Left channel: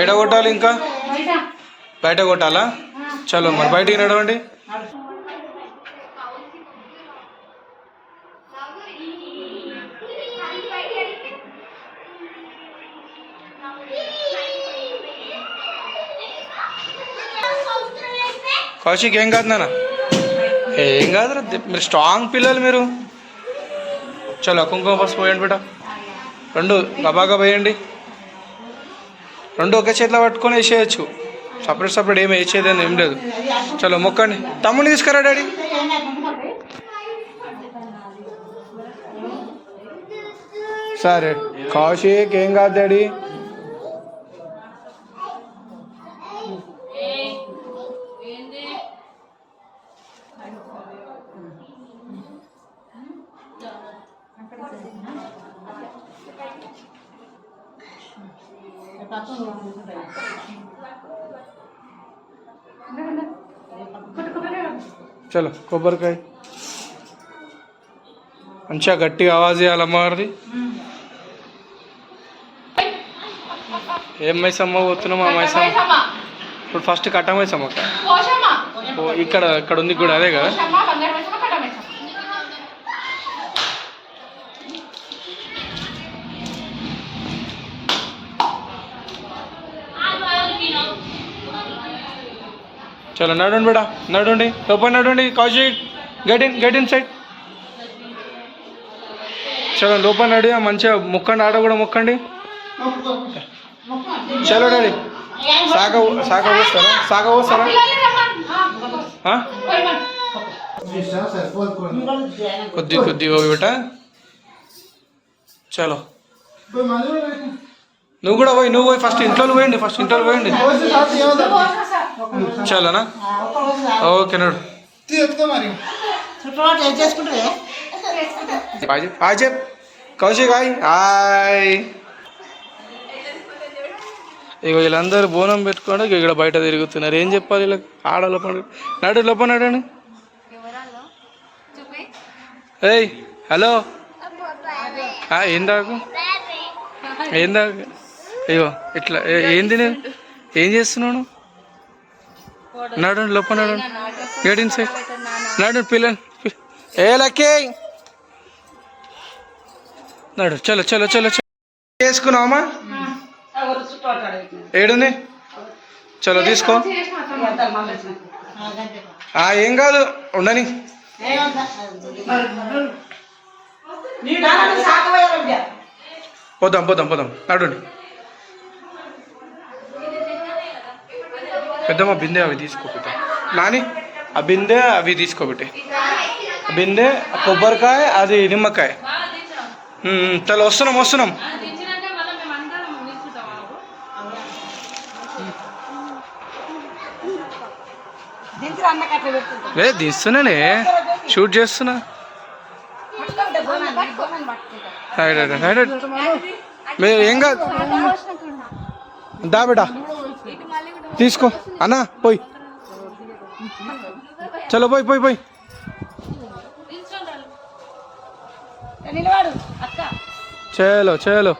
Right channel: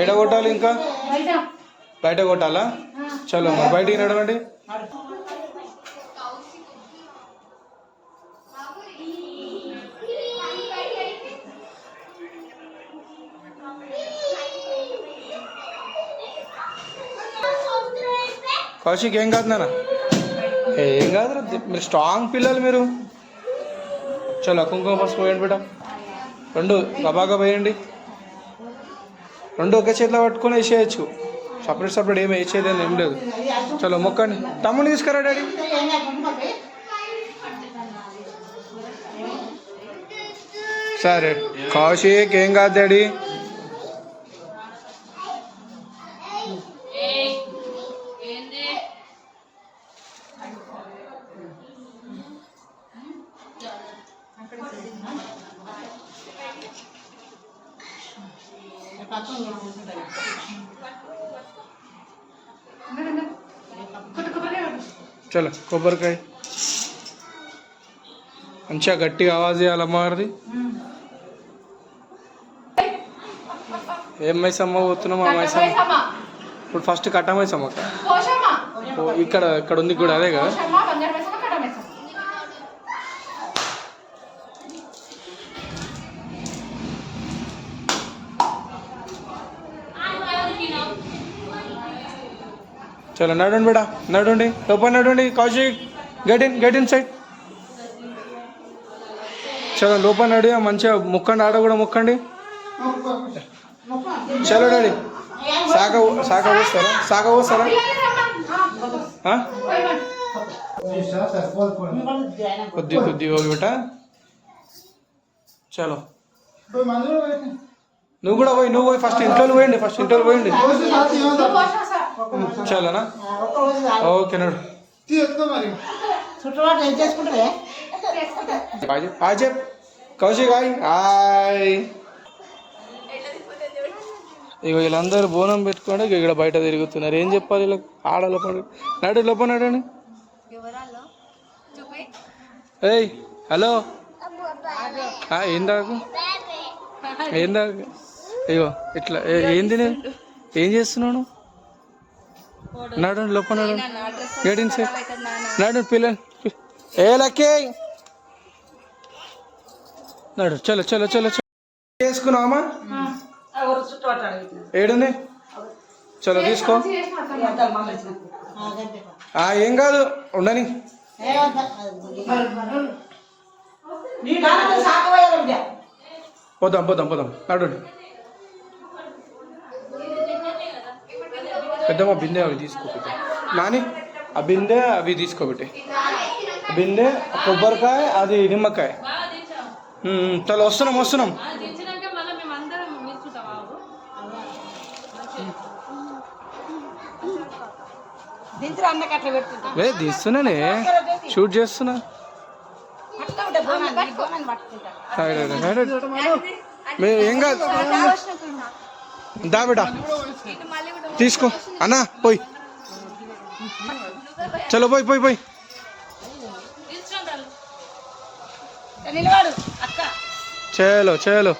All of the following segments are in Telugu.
ఎడ కొట్టాలి ఇంకా బయట కొట్టాలా? చలో మరి బయటికి నడవండి. కౌశిక్ ఏం కాదు నాన్న, ఏం కాదు, మీరు స్ట్రాంగ్ పిల్లలు మీరు. చలో కుంకుమ పసుపు పోయండి బిడ్డ, రెండు గబాగా వేయండి. రెండు ఒకే చేతిలో పట్టుకొని వేసేయచ్చు, సపరేట్ సపరేట్ ఏమి వేసేదని ఏం లేదు. చలో మొక్కండి. తమ్ముని తీసుకురా డాడీ. సరే కౌశిక్ ఏం కాదు డాడీ. చలో కొబ్బరికాయ మంచిగా గట్టిగా ఆవాజ్ చేయాలి అమ్మవారిది. ఏం మైసమ్మ పోతున్నాం? ఆ మైసమ్మ ఇప్పుడు ఫస్ట్ కట్ట మైసమ్మ ఇక్కడ ఇక్కడ ఉంది కూడా అదే కదా. చలో నడండి బేడా, నడండి, లోపల నడండి. Kaushik get inside. చలో లోపల నడి, మంచిగా మొక్కండి, ఆడ కూడా మొక్కండి. చలో డాడీ. సాగ పోస్తారా? కొద్ది బిట. చలో నువ్వు కూడా పోయి ఫస్ట్ ఇంట్లో పోయండి. చలోనా? ఓకే నడు. హాయ్ చెప్ కౌశిక్. హాయ్. ఇక వీళ్ళందరూ బోనం పెట్టుకోండి, ఇక్కడ బయట తిరుగుతున్నారు. ఏం చెప్పాలి ఇలా? ఆడలో పండు లోపల నడండి. ఏయ్ హలో, ఏందాకు అయ్యో ఇట్లా ఏంది? ఏం చేస్తున్నాను? నడండి లోపల నడండి. Get in side. నడు పిల్లలు. ఏ లక్కీ నడు. చలో చేసుకున్నావమ్మా? ఏడుంది? చలో తీసుకో. ఏం కాదు, ఉండని. పోదాం నడండి. పెద్దమ్మ బిందె అవి తీసుకోబెట్టి నాని, ఆ బిందె అవి తీసుకోబెట్టి, బిందె కొబ్బరికాయ అది నిమ్మకాయ. చలో వస్తున్నాం. తీస్తున్నానే, షూట్ చేస్తున్నా. మీరు ఏం కాదు, దా బిడ్డ తీసుకో అన్నా. పోయి చలో పోయి. చలో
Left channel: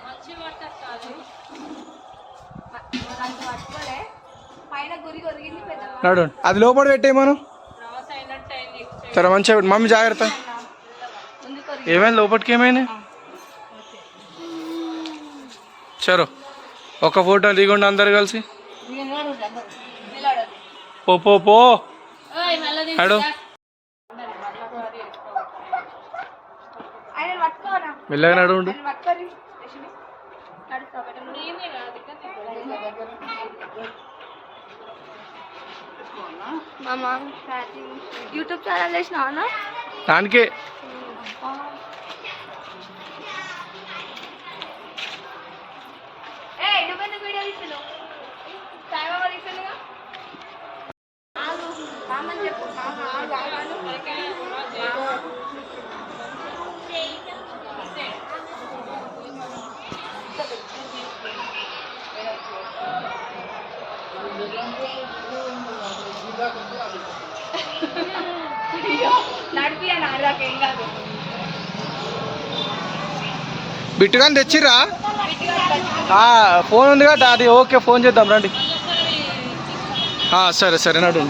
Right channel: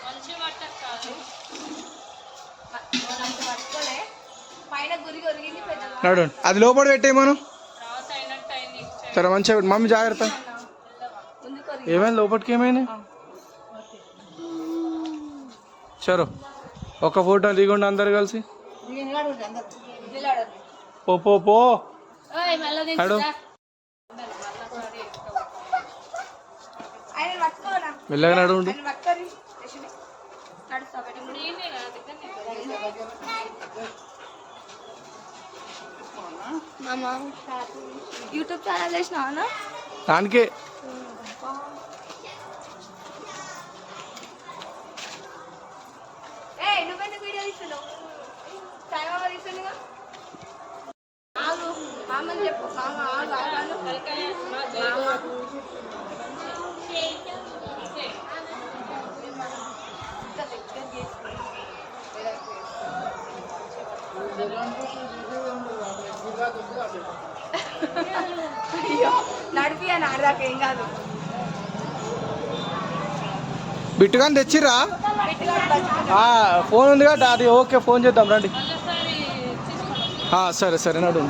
నడు. అది లోపల పెట్టేయమను. సరే మంచిగా మమ్మీ జాగ్రత్త. ఏమైంది లోపలికి? ఏమైంది? చలో ఒక ఫోటో దిగండి అందరు కలిసి. పో హలో, మెల్లగా నడుండు. యూట్యూబ్ ఛానల్ చేసినా దానికే నడిపి అని ఆడదాకా ఏం కాదు. బిట్టుగాని తెచ్చిర్రా? ఫోన్ ఉంది కదా అది. ఓకే ఫోన్ చేద్దాం రండి. సరే సరే నడు.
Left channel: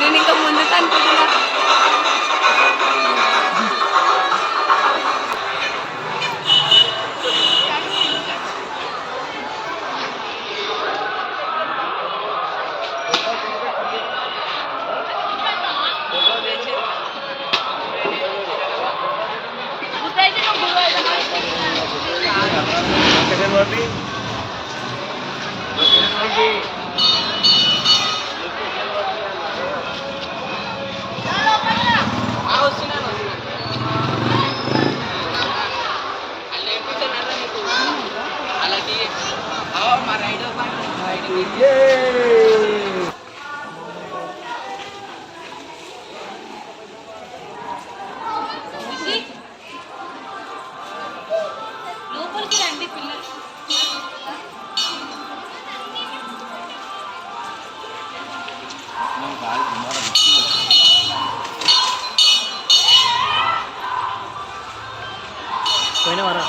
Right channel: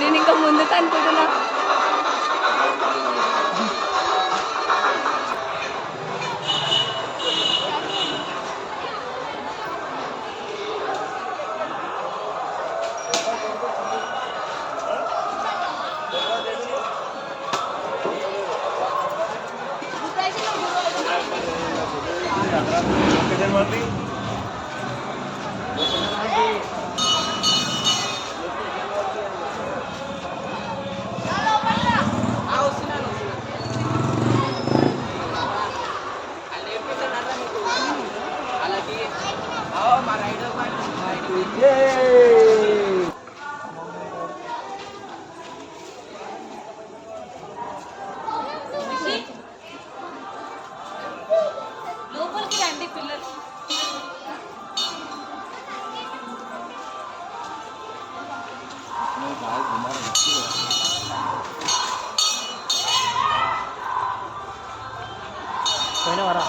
నేను ఇంకా ముందుకు అనుకుంటున్నా. లోపలికి రండి పిల్లలు. పోయిన వారా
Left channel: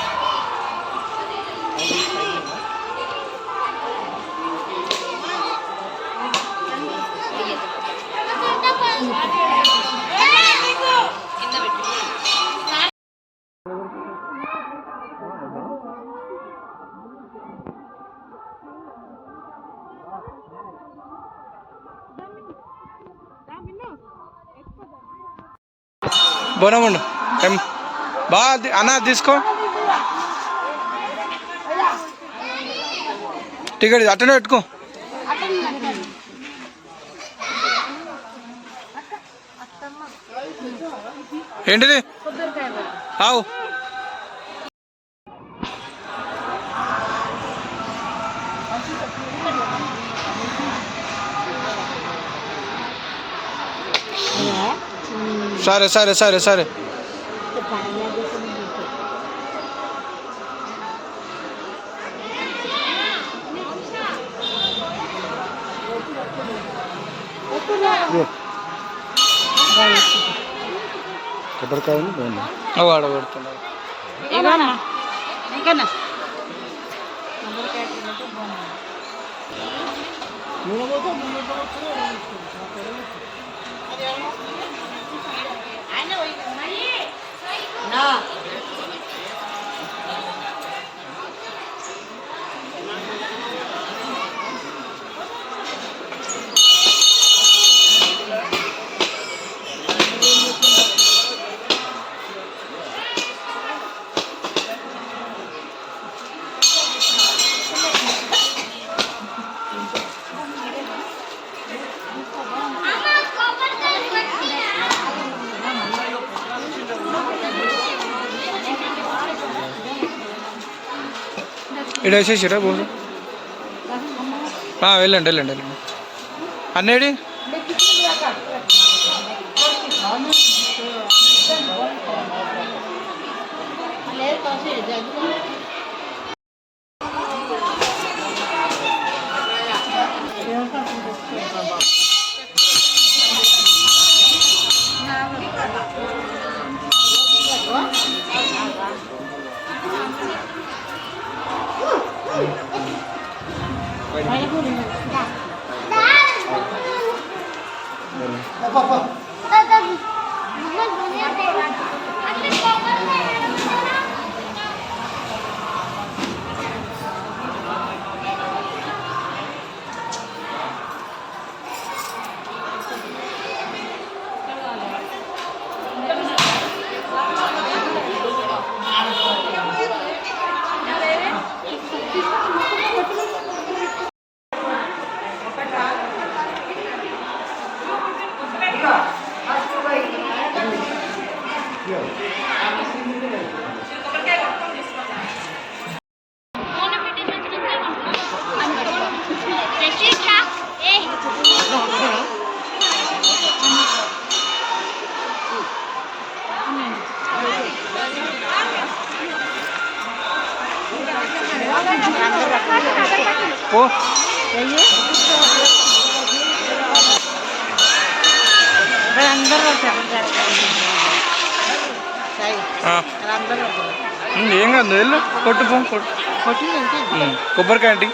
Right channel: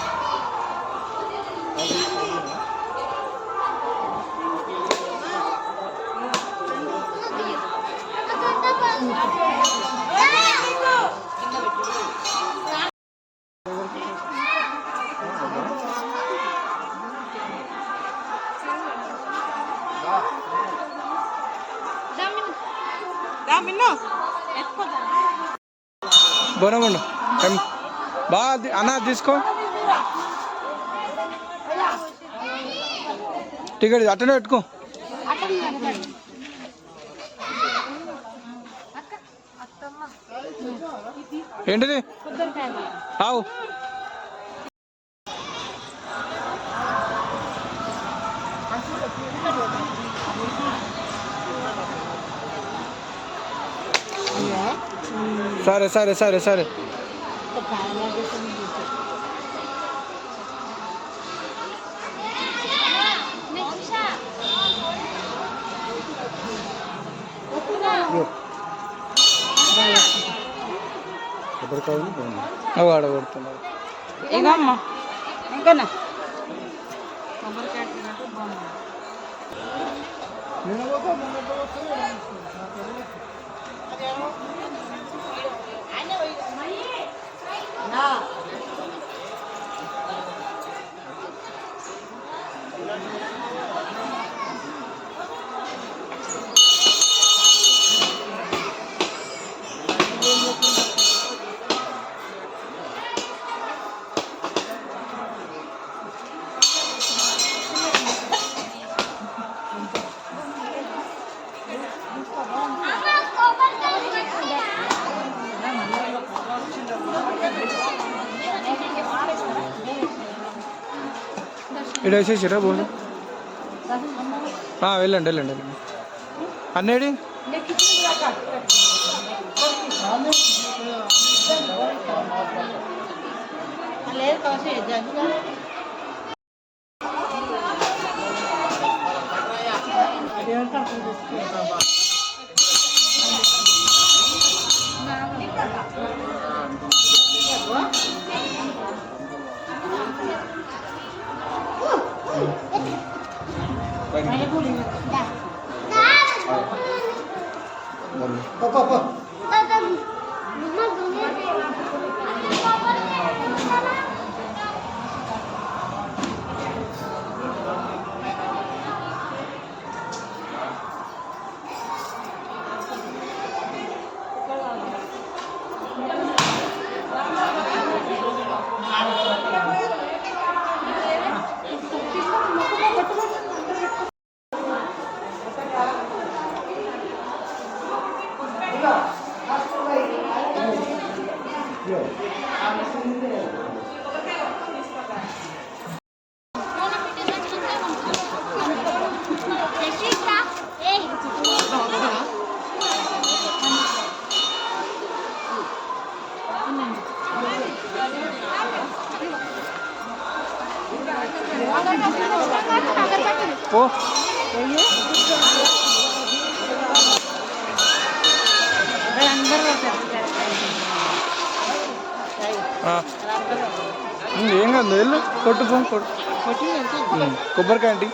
బోనముండు బాగా అన్న తీసుకో. టికెట్ అట్టనే పెట్టుకో. ఏంటిది? ఆవు సరే సరే సరే సరే. వాడ పెడుతున్నారు. ఇక్కడ వేసేసిరా బోర్డు. వెళ్ళండి వెళ్ళండి వెళ్ళండి. అన్నేడి ఓ ఏం కాదు వెళ్ళు కొట్టుపో కొబ్బరికాయ ఆంటీ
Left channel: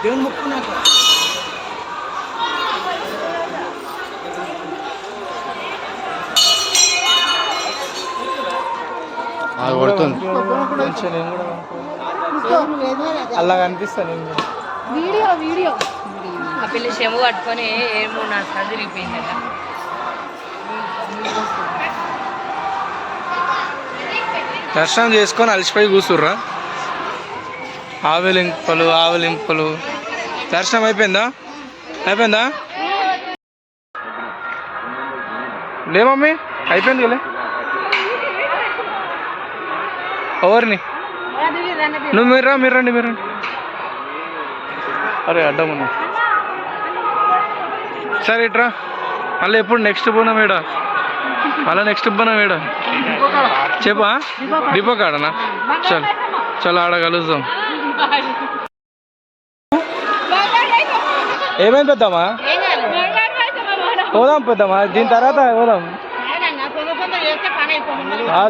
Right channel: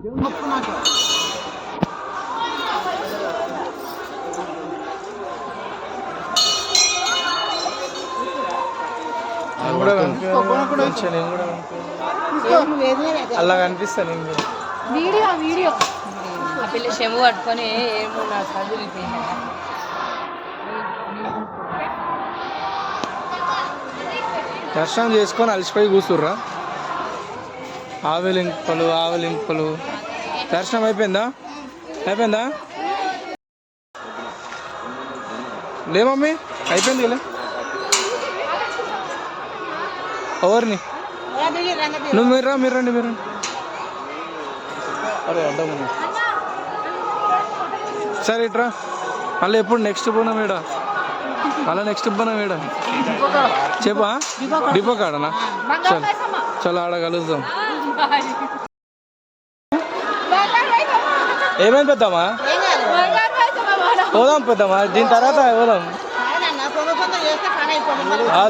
దేవుని మొక్కున్నాక మంచిగా నేను కూడా అలా కనిపిస్తా నేను కూడా వీడియో వీడియో ఆ పిల్ల చెవు పట్టుకొని ఏమో నా చదిరిపోయింది కదా. దర్శనం చేసుకొని అలసిపోయి కూర్చుర్రా ఆవలింపులు దర్శనం అయిపోయిందా లే మమ్మీ అయిపోయింది కదా ఎవరిని నువ్వు మీరు రండి అరే అడ్డం ఉన్నా సరే ఇట్రా మళ్ళీ ఎప్పుడు నెక్స్ట్ పోనాం ఏడా చెప్పా డిపో కాడనా చలో ఆడ కలుద్దాం ఏమైంది పెద్దామా పెద్దామా దీని తర్వాత పోదాం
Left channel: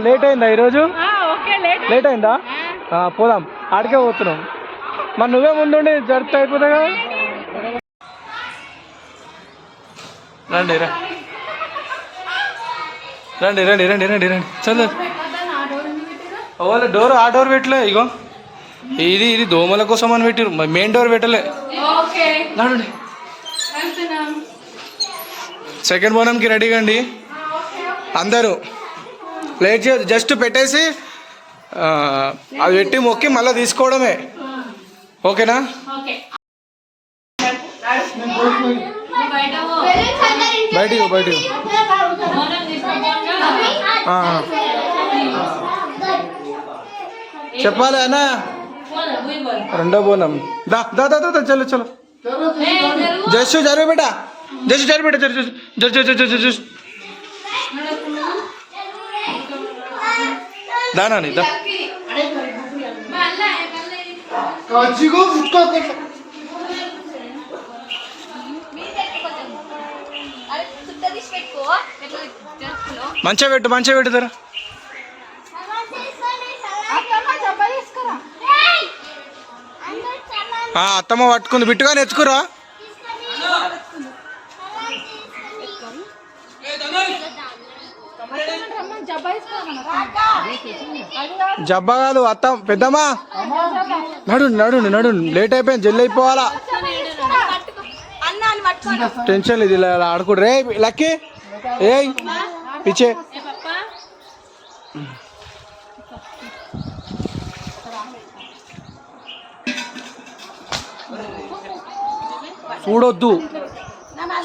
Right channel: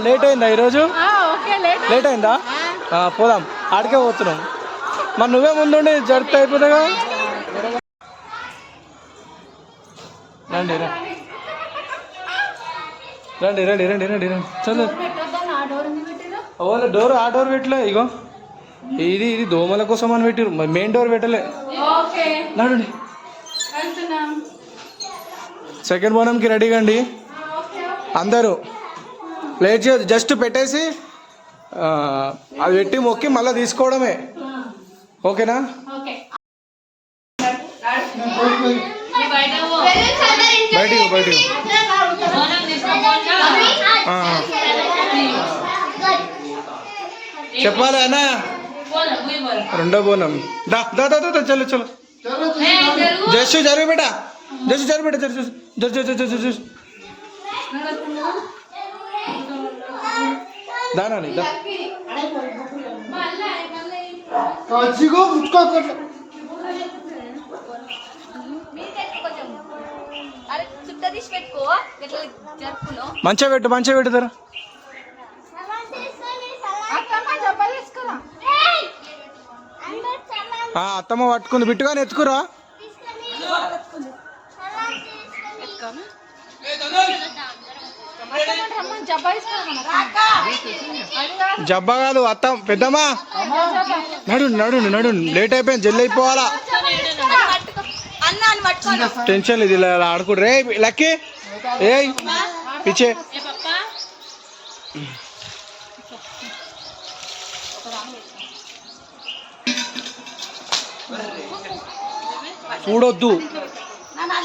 లేట్ అయిందా ఈరోజు లేట్ అయిందా పోదాం ఆడికే పోతున్నాం మరి నువ్వే ముందుండి జరిపితే అయిపోతుంది కదా రండి చదువు ఓలా డోర్ ఆ డోర్ పెట్టలే ఇగో ఇది దోమల కోసం అని పెట్టిరు మెయిన్ డోర్ పెట్టలే నడండి సెకండ్ బోనంకి రెడీగా అండి అందరూ లేట్ చేయదు జస్ట్ పెట్టేసి అది పెట్టి మొక్కి మళ్ళీ తీసుకోవడమే ఓకేనా బయటికి చెప్పాలి అన్న రెండో బోనం దా చలో జస్ట్ జరిగి బేటా దానా దా మంచిగా పెట్టు ధర అత్తమ్మ పట్టుకుంది బిట్టుగానే ఎత్తుకురా జబ్బా కాదు అత్త పెద్దమ్మా నడు లేట్ అయిపోయింది జల్లి అయిపోవాలా టెన్షన్ లేదు ఇలా ఆడుకుంటు రే లక్కీ ఏ పిచ్చే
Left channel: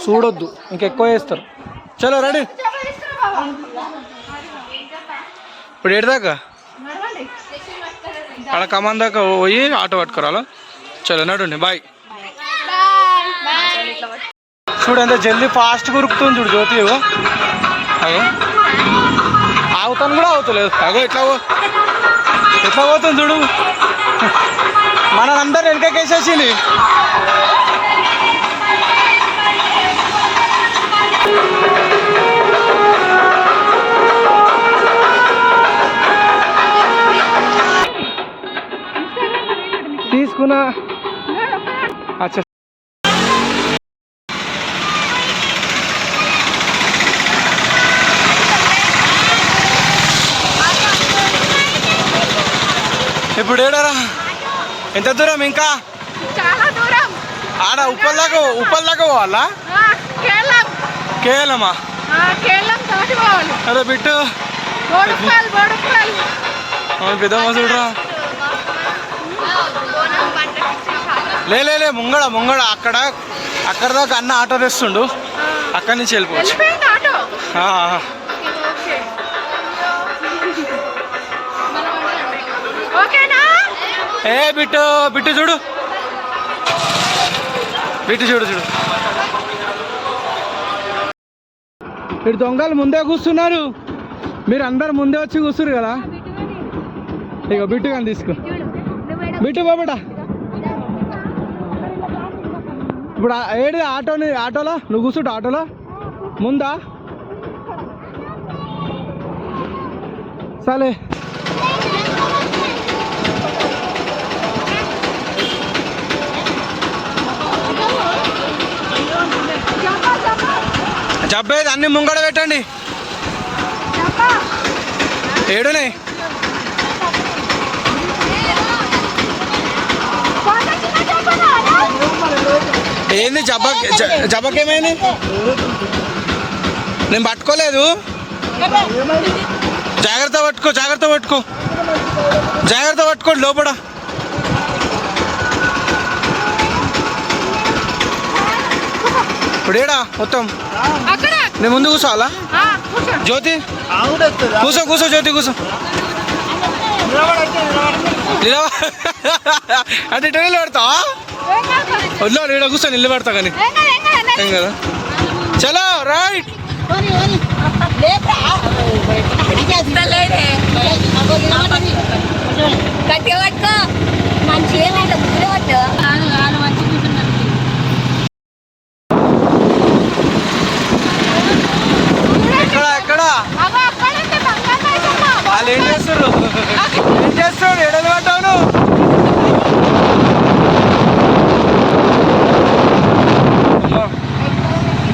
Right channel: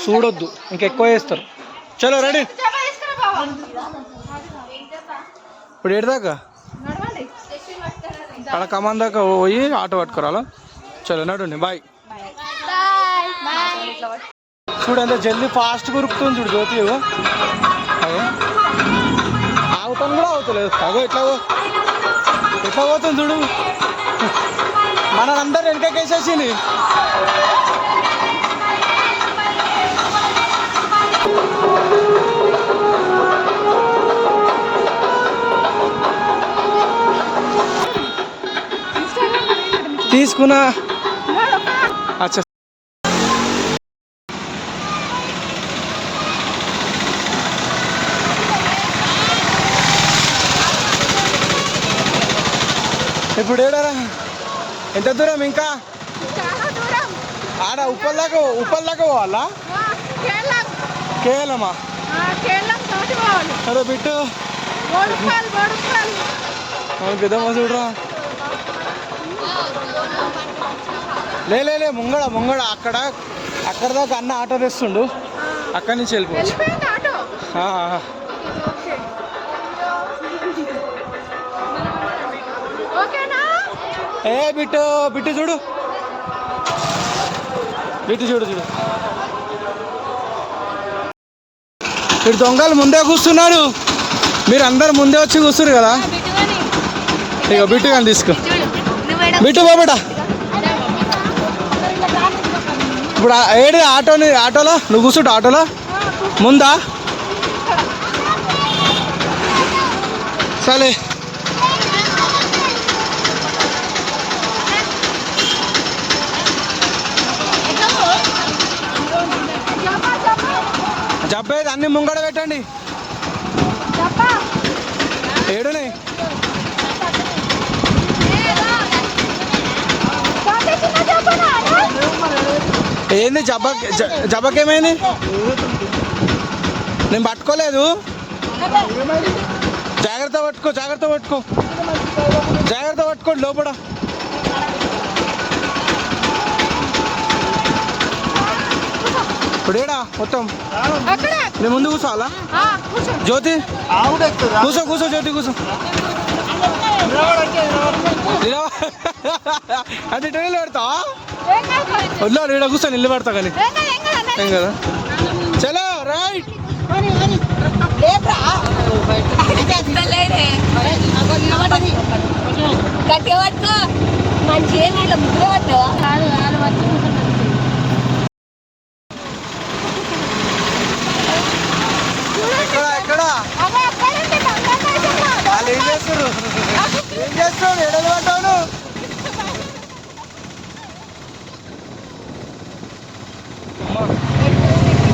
చూడొద్దు ఇంకెక్కువ చేస్తారు చలో రెడీ ఇప్పుడు ఏడుదాకా అక్కడ కమాన్ దాకా పోయి ఆటో పట్టుకురాలా చలో నడుండి బాయ్ చూడు ఎంత జల్దీ ఫాస్ట్ ఉరుకుతుంది చూడు జ్యోతి అగో ఆగుతాను కూడా అవుతలేదు అగో ఎట్లా పోతుంది చూడు మనందరూ వెనకకేసేసింది తీసుకున్నా అచ్చా ఇప్పుడు ఏడారా ఎంత దూరం ఇంకా చాలా దూరం. ఆడ ఉప్పల్ దాకా పోవాలా? కేరళం. కేవలమా? కేరళం దాటి పోవాలి. అరే బిట్టు పెద్దమ్మ చూడరా. లే ముంగడ అక్కడ దాకా అన్న ఆటో తెస్తుండు, అక్కడి నుంచి వెళ్ళిపోవచ్చు. ఏ బిట్టు చూడు, చూడు మీరు దొంగలు ముందే కూర్చున్నారు, మీరు అందరు ముందే వచ్చి కూర్చున్నారు కదా. ఇక బిట్టు కానీ తీసుకో, బిట్టు బాబేట. ఇప్పుడు ఏడు ఆటోలో నువ్వు కూర్చుంటు, ఆటోలో ముందా సరే. జబ్బేది అన్ని ముంగడ పెట్టండి. ఏడునే ఏంది జబ్బకేమైంది? నేను పట్టుకోలేదు. జాగ్రత్త పట్టుకో లోపల. ఇప్పుడు ఏడా మొత్తం నేను ముందు కూర్చోవాలా? జ్యోతి కూర్చో జ్యోతి కూర్చో. అంటే ఇటు నిలబెడతావా? వద్దు ఇక్కడ కూర్చో, నిలబెడతా కానీ ఏం కదా. చలో రైట్. ఎక్కడ వాళ్ళు ఏం చేస్తారు ఎడలు పడ్డాను.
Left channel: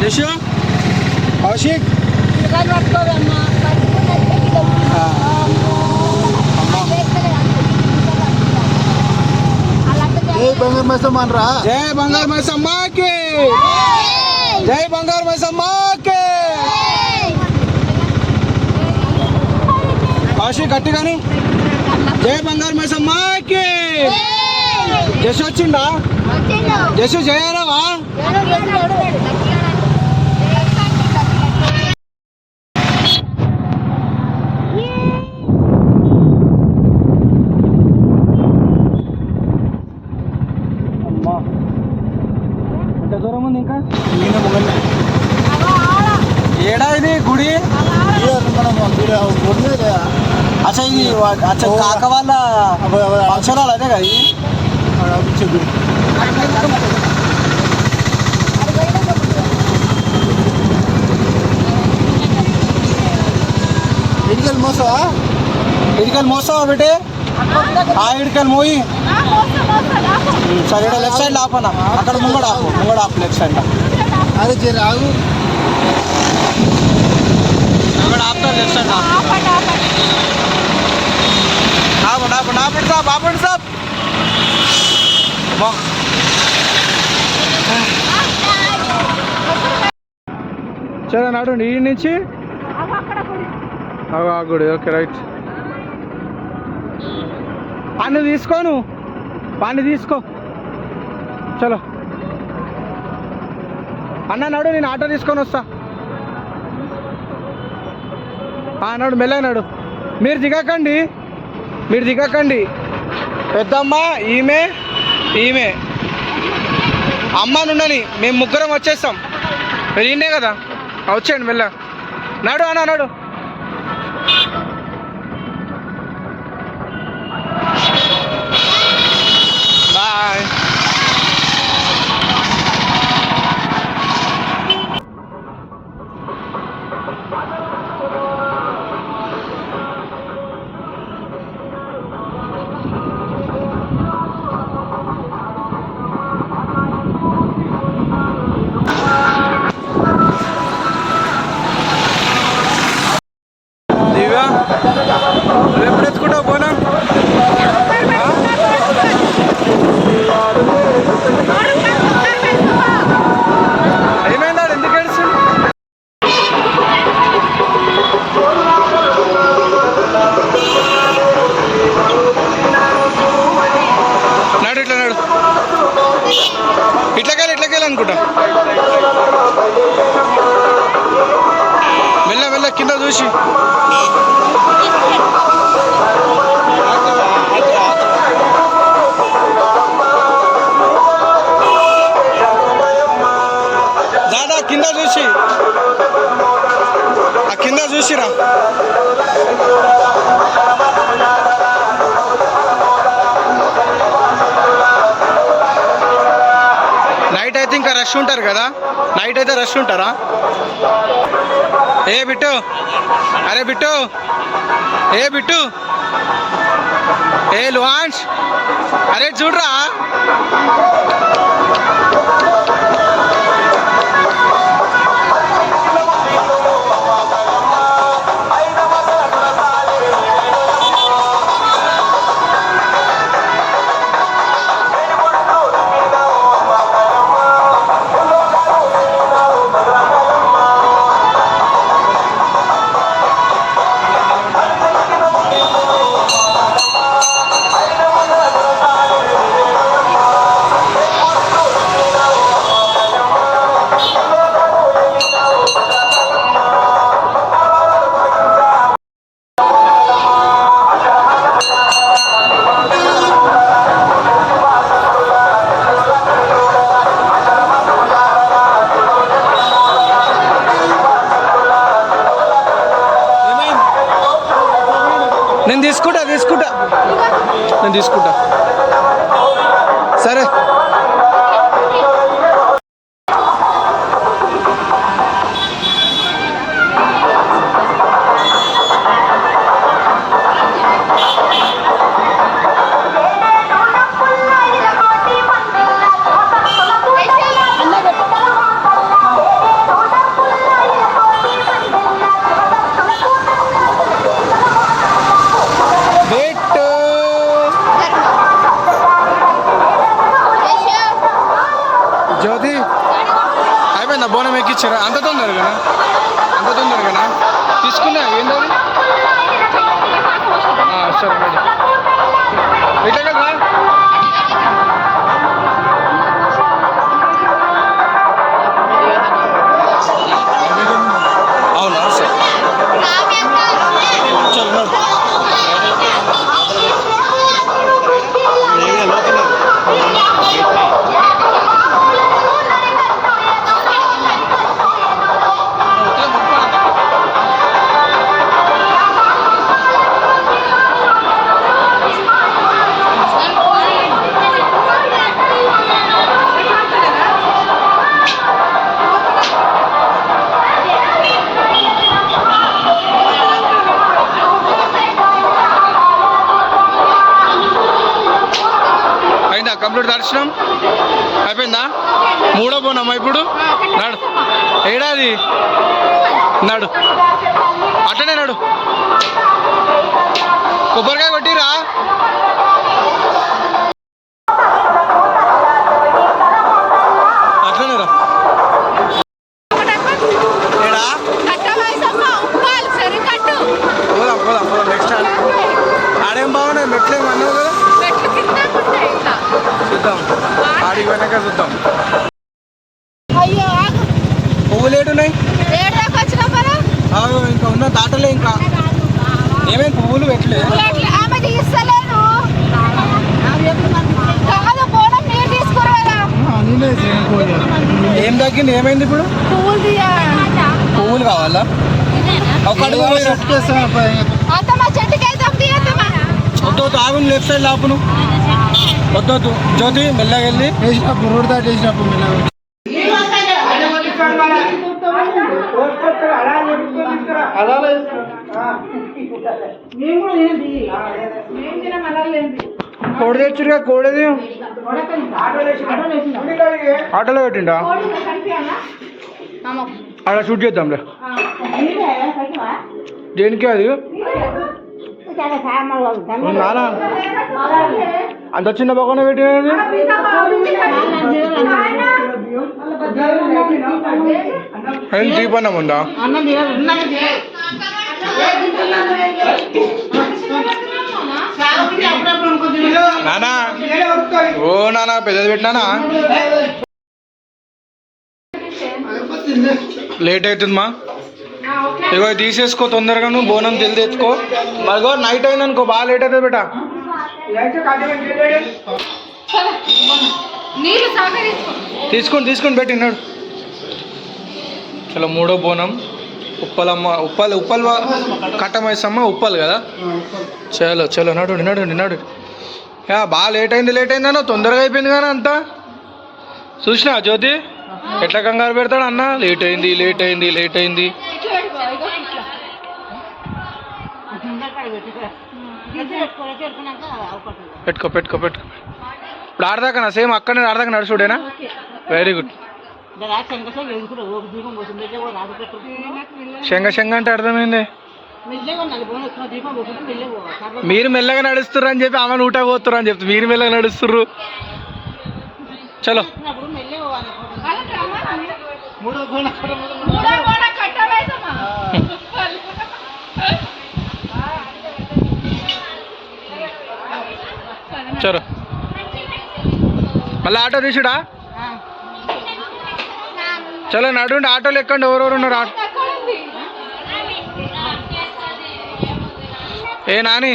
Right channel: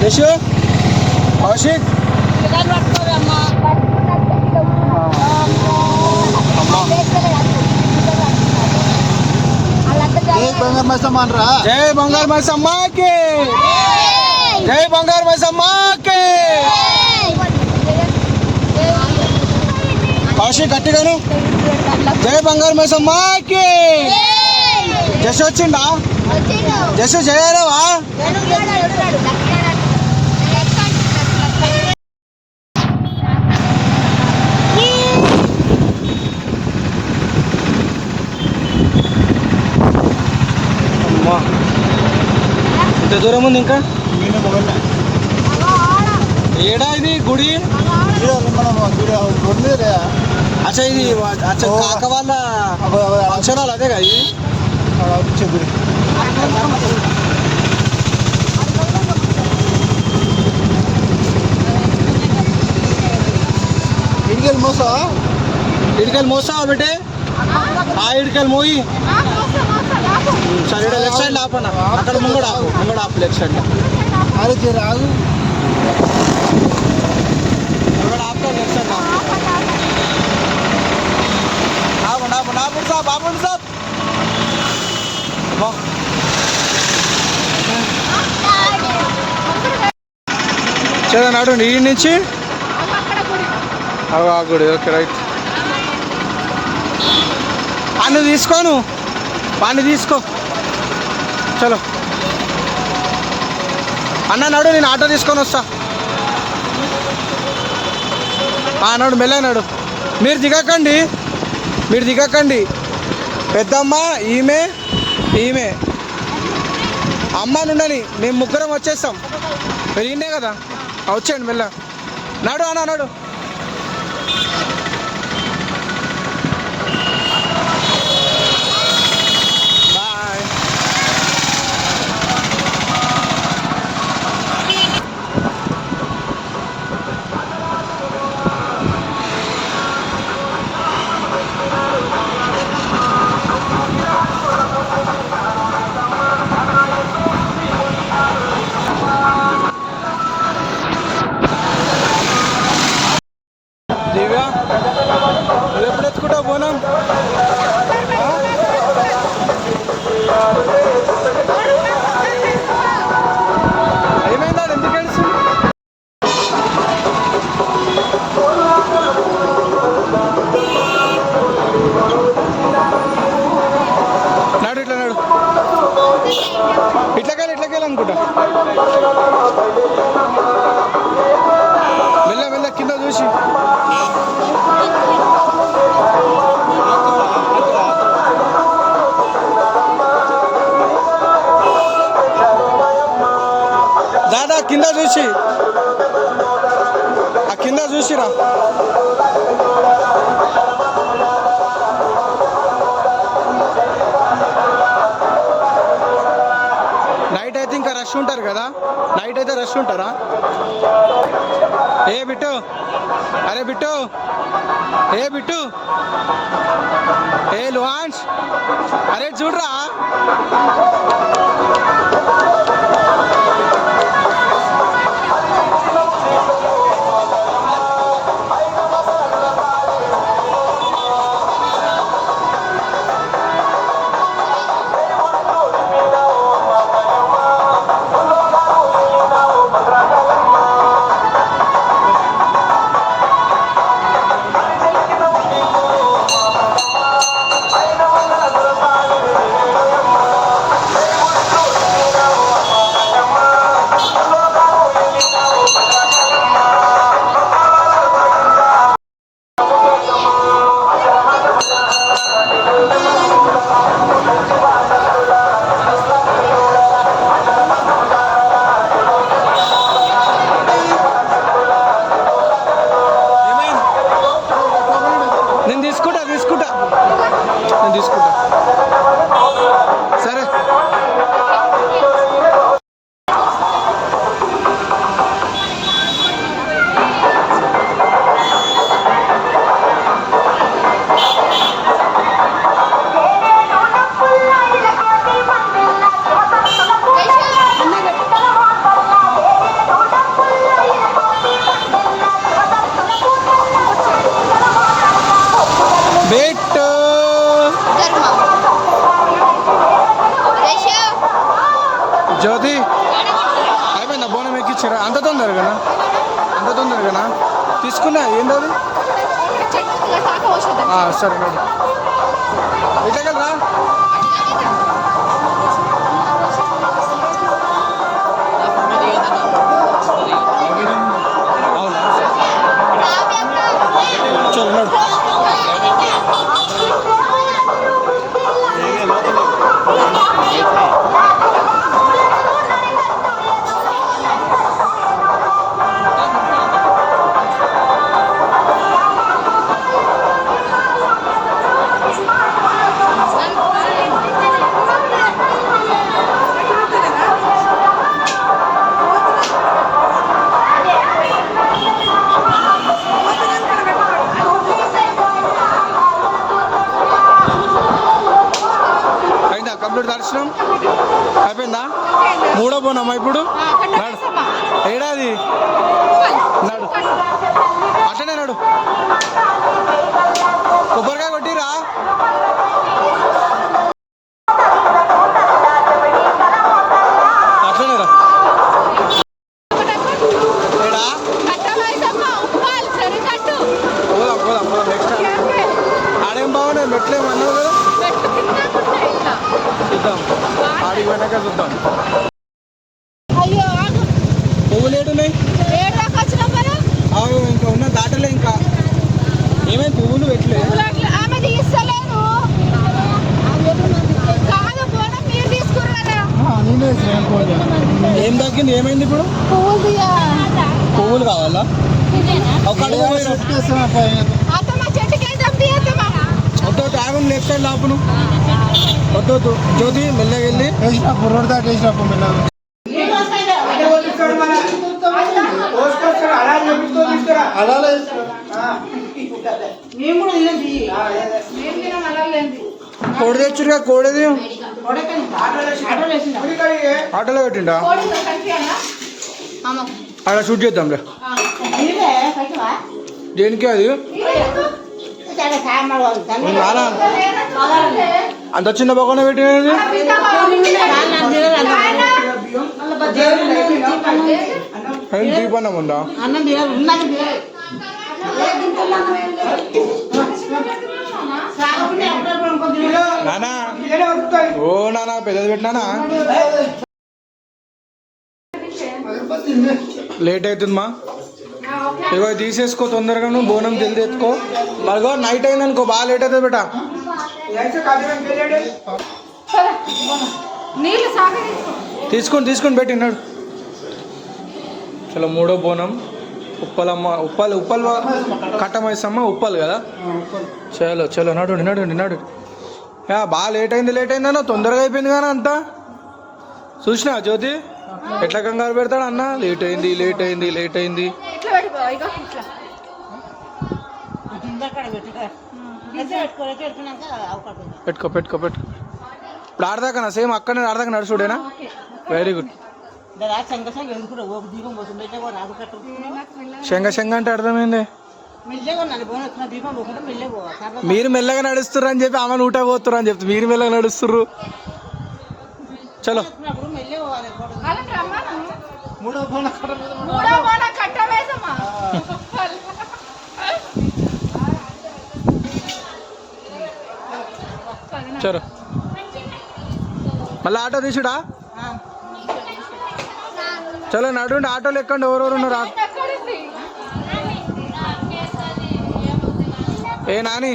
యశు కౌశిక్ జై బంగారు మైసమ్మ, జై బంగారు మైసమ్మకి, జై బంగారు మైసమ్మకి. కౌశిక్ గట్టిగాను జై బంగారు మైసమ్మకి. జస్ వచ్చిండా? జస్ జయరావా? అమ్మా ఇంత దూరం ఉంది ఇంకా. ఏడా ఇది గుడి? అచ్చా ఇది కాక వాళ్ళ అక్షరాలు అదే కదా ఇది. ఇడికల్ మోసావా బేటే? ఇడికల్ మోయి. సరే లెఫ్ట్ సైడ్ ఆపనా, అక్కడ ముంగడ ఆపు లెఫ్ట్ సైడ్. అరే రాగు అక్కడ ఆపుతా, లెఫ్ట్ సైడ్ ఆపండి సాబ్. చదువు నాడు ఈ నుంచి ఆ గుడి. Okay right. పాన్ని తీసుకో చలో అన్న నాడు, నేను ఆటో తీసుకొని వస్తా. నాడు మెల్లనాడు. మీరు దిగకండి. పెద్దమ్మ ఈమె అమ్మ నుండని మేము ముగ్గురం వచ్చేస్తాం. మీరు ఈయనే కదా, వచ్చేయండి మెల్ల. నాడు అన్న నాడు. బాయ్. దివ్య నువ్వు ఎప్పుడు ఎత్తుకుంటావు పోనా? మెల్ల మెల్ల కింద చూసి దాదా కింద చూసి ఆ కింద చూసిరా నైట్ అయితే ఇంకా రష్ ఉంటారు కదా నైట్ అయితే రష్ ఉంటారా ఏ బిట్టు అరే బిట్టు ఏ బిట్టు ఏ లుహాన్స్ అరే చూడరా నేను తీసుకుంటా నేను తీసుకుంటా సరే జ్యోతి అయిపోయిందా బోనం ఎక్కిచ్చారా అంత తొందరగానా తీసుకున్నా ఏందో సరే మేడం ఇట్లా కదా అవునా సరే చలో కంప్లీట్ దర్శనం అయిపోయిందా మూడో పోనమ్మా ఇప్పుడు నడు ఏడాది నడు అట్లనే నడు కొబ్బరికాయ కొట్టిరా అట్లనే రా ఏడా పోదాం నెక్స్ట్ ఆడేం బాగున్నాయి మెట్లేం అన్నావు కదా చూద్దాం ఆడికి వెనక చూద్దాం పువ్వులు ఏడున్నాయి ఇంకా ఉన్న దాటలే ఇంకా ఏమేమి పువ్వులు పెట్టలేదు ఏం తగ్గింది ఏమైంది ఇప్పుడు పువ్వులు కావాలా వద్దు ఆగును లెఫ్ట్ సైడ్ లాపును వద్దు జ్యోతి మెల్లగా వెళ్ళి వేసినప్పుడు రోడ్ దాటి వేసినప్పుడు మెల్లగా కోడి తెచ్చురుగా కోడేది ఆటోలో పెట్టిండా అలా షూట్ చేద్దాంలే దేనికి అది నానా అంత చిన్న బొక్కన పెట్టినది దీపన్నం ఉందా నానా ఓ నానా పెద్దది పెట్టినానా లేట్ అవుతుందమ్మా. ఇగో ఇది తీసేసుకో తొందరగా, నువ్వు బోనం జల్దీ ఎత్తుకో. మరిగో నైట్ అయిందనుకో బాగా లేట్ అవుతుంది బేటా. నీళ్ళు సాగరీసుకో. తీసుకొని పెట్టినాడు. చలో మూడో బోనం ఉప్పలమ్మ. ఉప్పల్ కట్టమైసమ్మ ఉప్పల్ కదా. చలో నడు. బాగా లేట్ అయిందన్నా, తొందరగా అయిపోయింది కానీ అంతా. చూసినా జ్యోతి ఎట్లా కంగారు పెడతాడు అన్న. లేట్ అయింది. ఇట్లా పెట్టుకో, ఇగో ఇట్లా. పెట్టుకో. ఇప్పుడు ఆడదాకా సేమ్ అక్కడనే ఆడదాకా నడుచుడేనా. Very good. శంగ అంటే అర్థమైంది. మీరు మెల్లగా నడుస్తుర్రు అని చెప్పి ఆమె ఊట పోతుర్రు అని చెప్తారు. మీరు మెల్లగా నడుస్తుర్రు. చలో మూడో బోనం కట్టవేసమ్మా. చలో మళ్ళీ ఆటో తీసుడా. చలో నడుండి, ఆటోలు ఎక్కండి. ఎవరెవరు ఉన్నారు ఆటో? ఏ నాని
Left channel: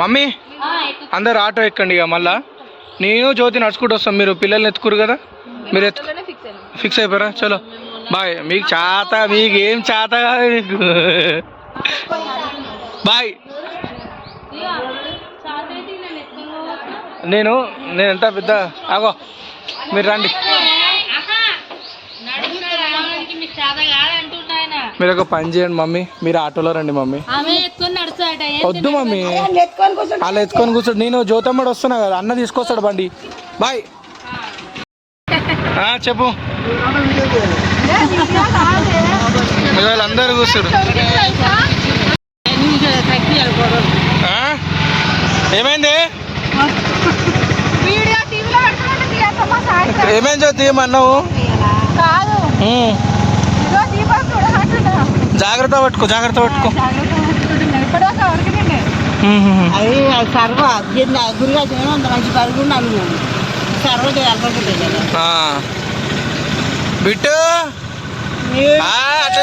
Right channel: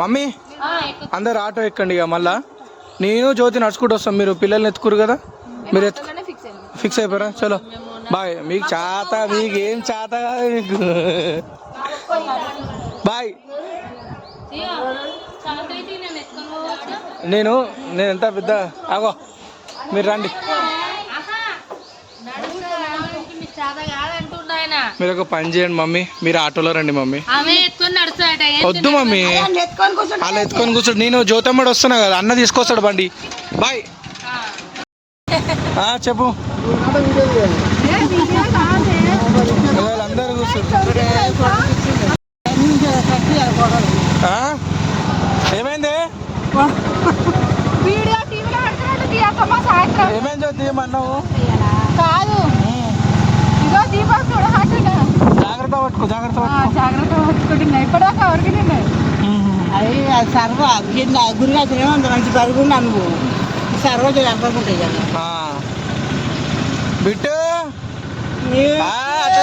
మమ్మీ అందరు ఆటో ఎక్కండి. ఇక మళ్ళా నేను జ్యోతి నడుచుకుంటూ వస్తాం. మీరు పిల్లల్ని ఎత్తుకురు కదా, మీరు ఫిక్స్ అయిపోయారా. చలో బాయ్. మీకు ఏం చేత కాదు మీకు. బాయ్. నేను ఎంత పెద్ద ఆగో, మీరు రండి. మీరు ఒక పని చేయండి మమ్మీ, మీరు ఆటోలో రండి మమ్మీ. వద్దు మమ్మీ, అలా ఎత్తుకొని కూర్చోడు. నేను జ్యోతమ్మడు వస్తున్నా కదా, అన్న తీసుకొస్తాడు బండి. బాయ్. చెప్పు. అందరు కూర్చోడు. ఏమైంది ఏమైంది జ్యోతి ఏమన్నావు? జాగ్రత్త పట్టుకో. బిట్టు అట్లా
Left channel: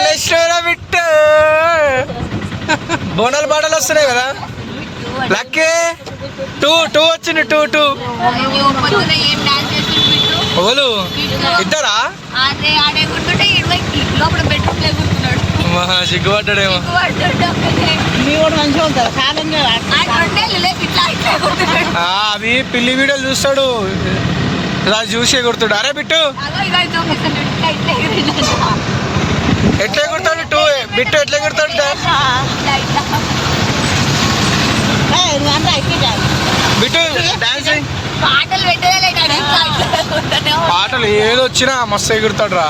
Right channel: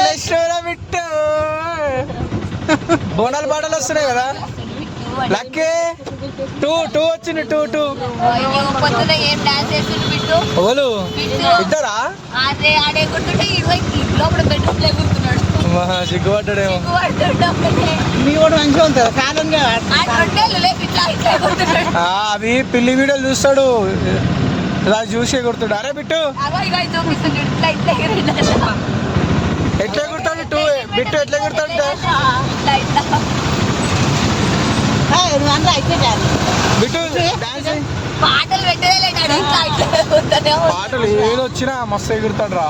బిట్టు బోనాలు పాటలు వస్తున్నాయి కదా. లక్కీ 2 వచ్చింది. 2 ఓలు ఇద్దరా సిగ్గుపడ్డాడేమో. అవి పిల్లి వీడియోలు చూస్తాడు, అది చూసి ఎగురుతాడు. అరే బిట్టు ఎట్లా ఎగురుతాడు? బిట్టు ఎట్లా ఎగురుతాడు? బిట్టు డాన్సింగ్ పాటలు ఏదో వచ్చినా మస్తు ఎగురుతాడు రా.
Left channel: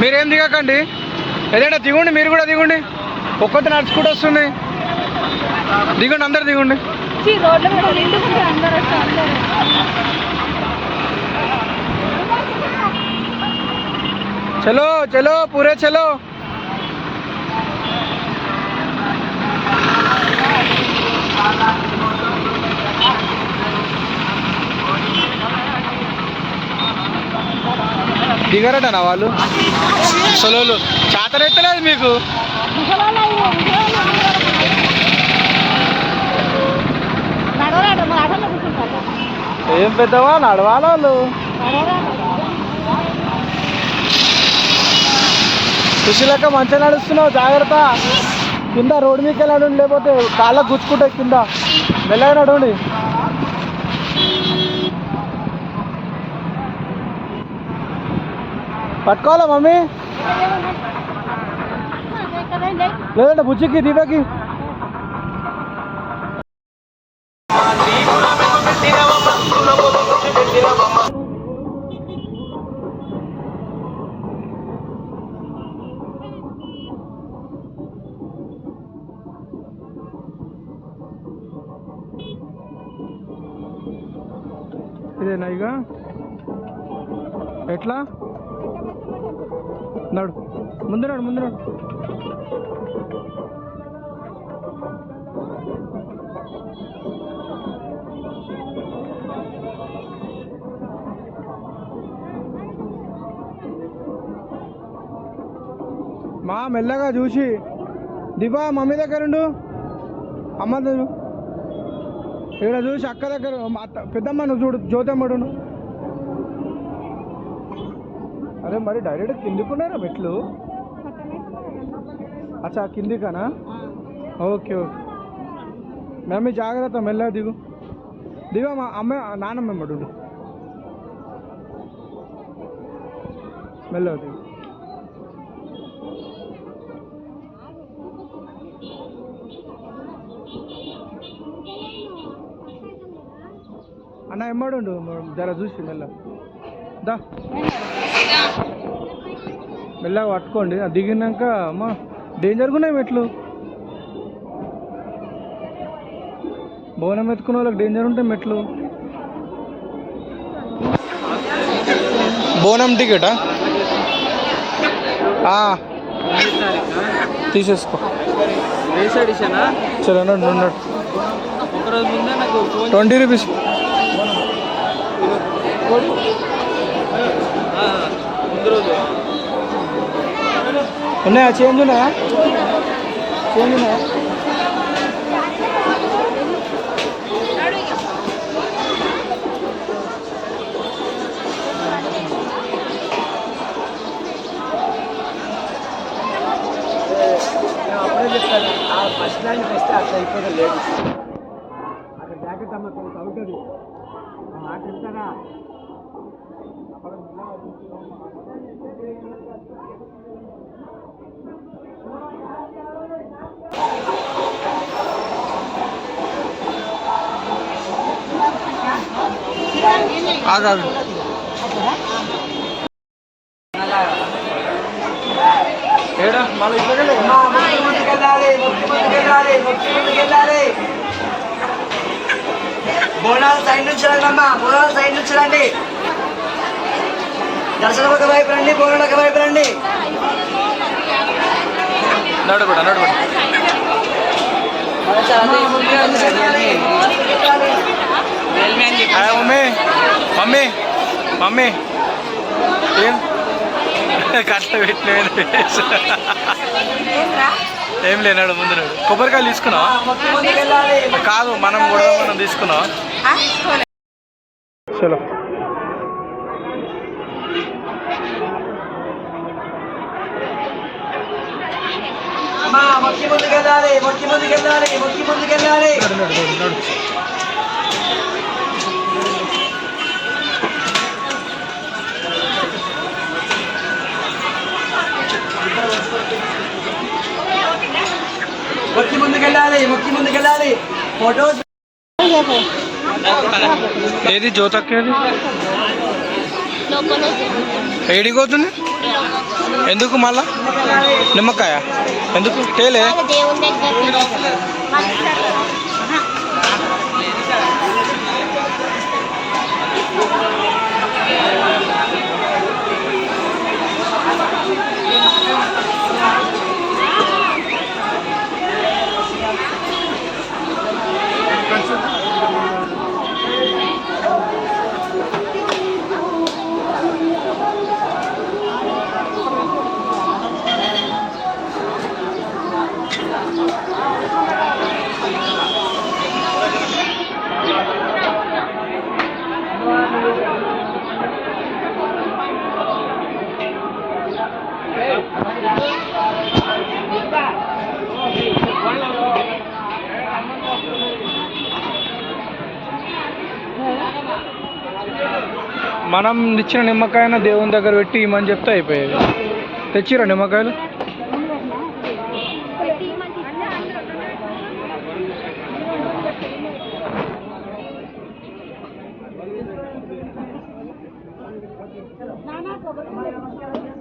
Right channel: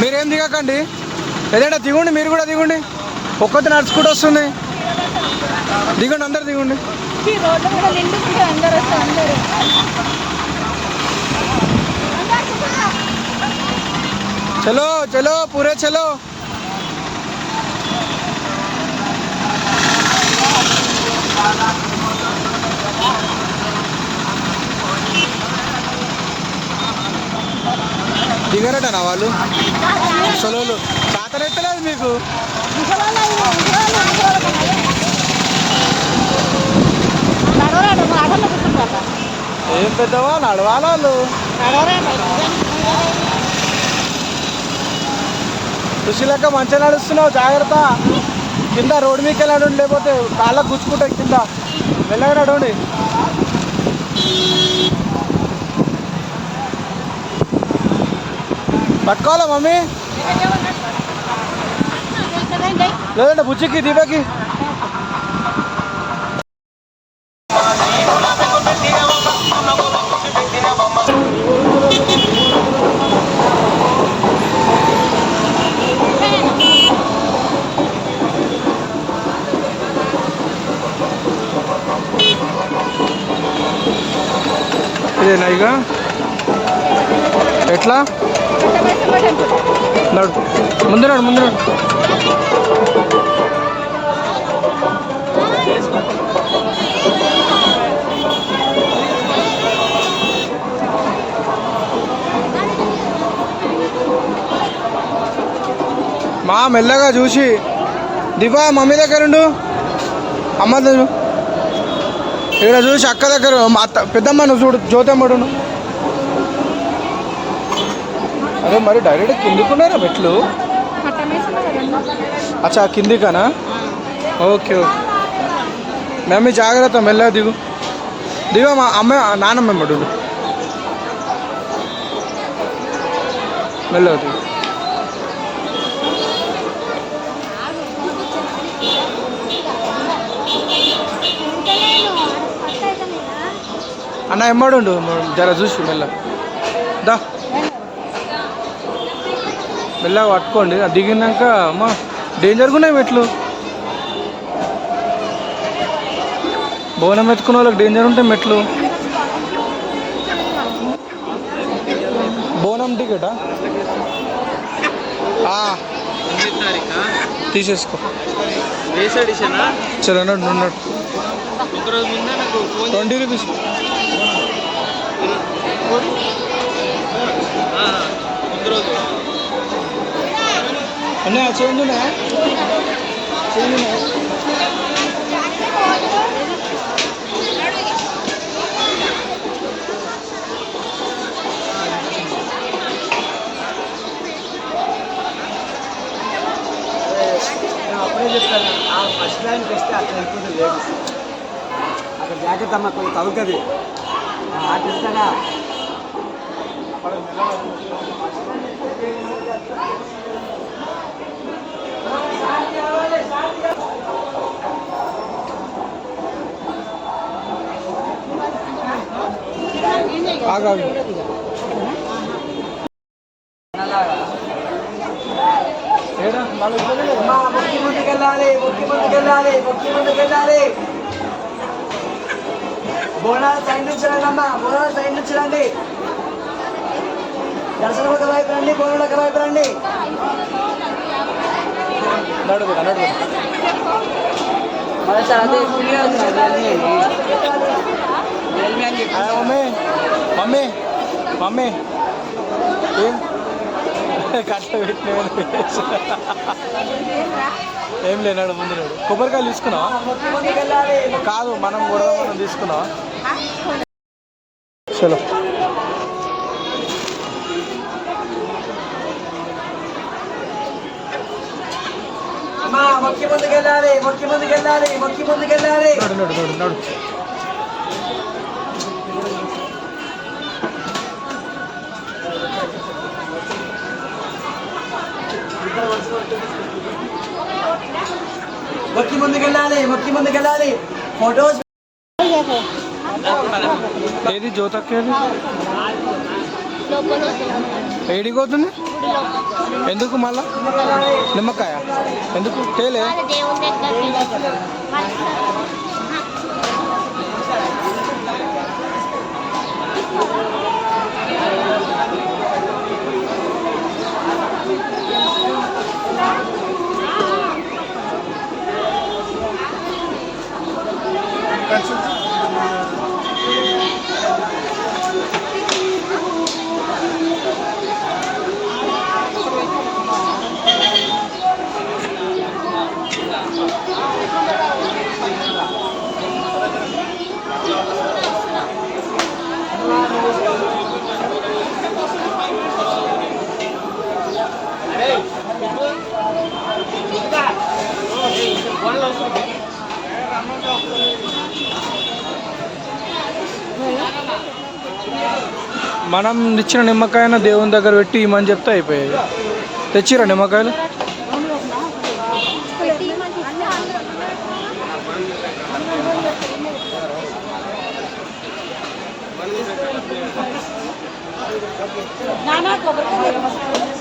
మీరేం దిగకండి, ఏదైనా దిగుండి. మీరు కూడా దిగుండి. ఒక్కటి నడుచుకుంటూ వస్తుంది. దిగండి, అందరు దిగండి. చలో పూరే చలో. దిగరటనా వాళ్ళు సొలోలు? చాతనెత్తలేదు మీకు. ఏం పెద్దవా నడవాలి వాళ్ళు. ఖుషిలక్క మంచిగా నడుస్తున్నావు, జాగ్రత్త. కింద రోడ్డు మీకు నడండి, లేకపోతే కాళ్ళ గుచ్చుకుంటాయి కింద. మెల్లగా నడవండి. పట్టుకోవాలా మమ్మీ? లేదంటే బుజ్జికి దీపకి. ఇదేనా ఇక ఎట్లా కట్టమైసమ్మ టెంపుల్. నడు ముందు నడు ముందు నడు. మా మెల్లగా చూసి దివా మమ్మీ దగ్గర ఉండు, అమ్మ దగ్గర ఇక్కడ చూసి అక్క దగ్గర మా అత్త పెద్దమ్మ నువ్వు చూడు, జ్యోతమ్మడు అదే మరి డైరెక్ట్ కిందికున్నారా మెట్లు? కట్టమైసమ్మ కదండి. అచ్చా కిందికనా? ఓకే ఓకే మమ్మీ జాగ్రత్త, మెల్లగా దిగు దిగా మా అమ్మ నానమ్మ మడు మెల్లగా దిగు. అన్న ఎమ్మడుండు జర చూసి మెల్ల దా మెల్లగా పట్టుకోండి. అది దిగినాక అమ్మ డేంజర్గా ఉన్నాయి మెట్లు. బోనం ఎత్తుకున్న వాళ్ళకి డేంజర్ ఉంటాయి మెట్లు. బోనం టికెటా? తీసేసుకో. సరే అన్నాడు ఉన్నాడు 20 రూపీస్. ఉన్నాయా? చేంజ్ ఉన్నాయా? చేంజ్ ఉన్నాయా? ఫస్ట్ లైన్కి వస్తే అట్లా అయిపోయింది లేదు. అక్కడ జాగ్రత్త అమ్మ కొంచెం తవ్వుతుంది ఆటిస్తాగా. ఆగాగు ఏడా మళ్ళీ ఇట్లా ముందుకెళ్ళాలి, ముందుకెళ్ళాలి, ముందుకెళ్ళాలి. బోనాల సైడ్ నుంచి రండి అమ్మా, బోనాల సైడ్ నుంచి రండి. దర్శనం ఒక వైపు రండి, బోనాల ఒక వైపు రండి. నడుబడ నడుబడ మమ్మీ మమ్మీ మమ్మీ ఏం కట్ట పెట్టిన ఏం లేనాడు ముందు నాడు. కొబ్బరికాయలు తీసుకున్నావా? కాదు మనం కూడా మనం తీసుకున్నావా? చలో మొక్కి ముందుకెళ్ళాలి, మొక్కి ముందుకెళ్ళాలి, మొక్కి ముందుకెళ్ళాలి. నడు నడు నడు నడు. మొక్కి ముందుకెళ్ళాలి, మొక్కి ముందుకెళ్ళాలి. ఫోటోస్ ఏది జ్యోతక్కేది ఏడికి పోతుంది? ఎందుకు మళ్ళా? నిమ్మకాయ ఎందుకు తేలే? మనం ఇచ్చిన నిమ్మకాయను దేవుని దగ్గర పెట్టి ఇమ్మని చెప్తే అయిపోయేది. తెచ్చిరా నిమ్మకాయలు?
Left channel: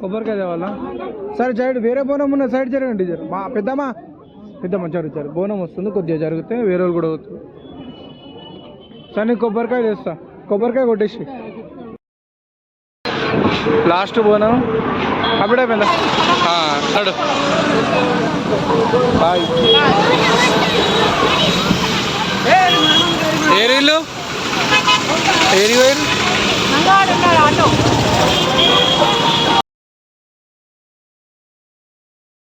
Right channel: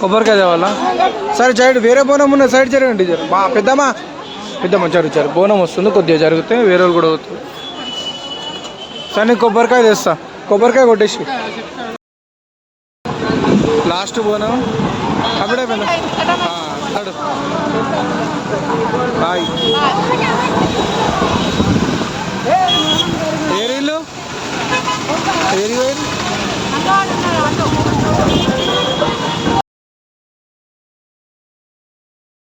కొబ్బరికాయ తేవాలా? సరే సైడ్ వేరే బోనం ఉన్న సైడ్ జరగండి. మా పెద్దమ్మా జరుగుతారు. బోనం వస్తుంది, కొద్దిగా జరిగితే వేరే వాళ్ళు కూడా అవుతుంది. సరే నేను కొబ్బరికాయ తెస్తా, కొబ్బరికాయ కొట్టేసి లాస్ట్ పోను అప్పుడే అయిపోయిందా నడు బాయ్ ఏరీళ్ళు ఏరి వేరు ఆటో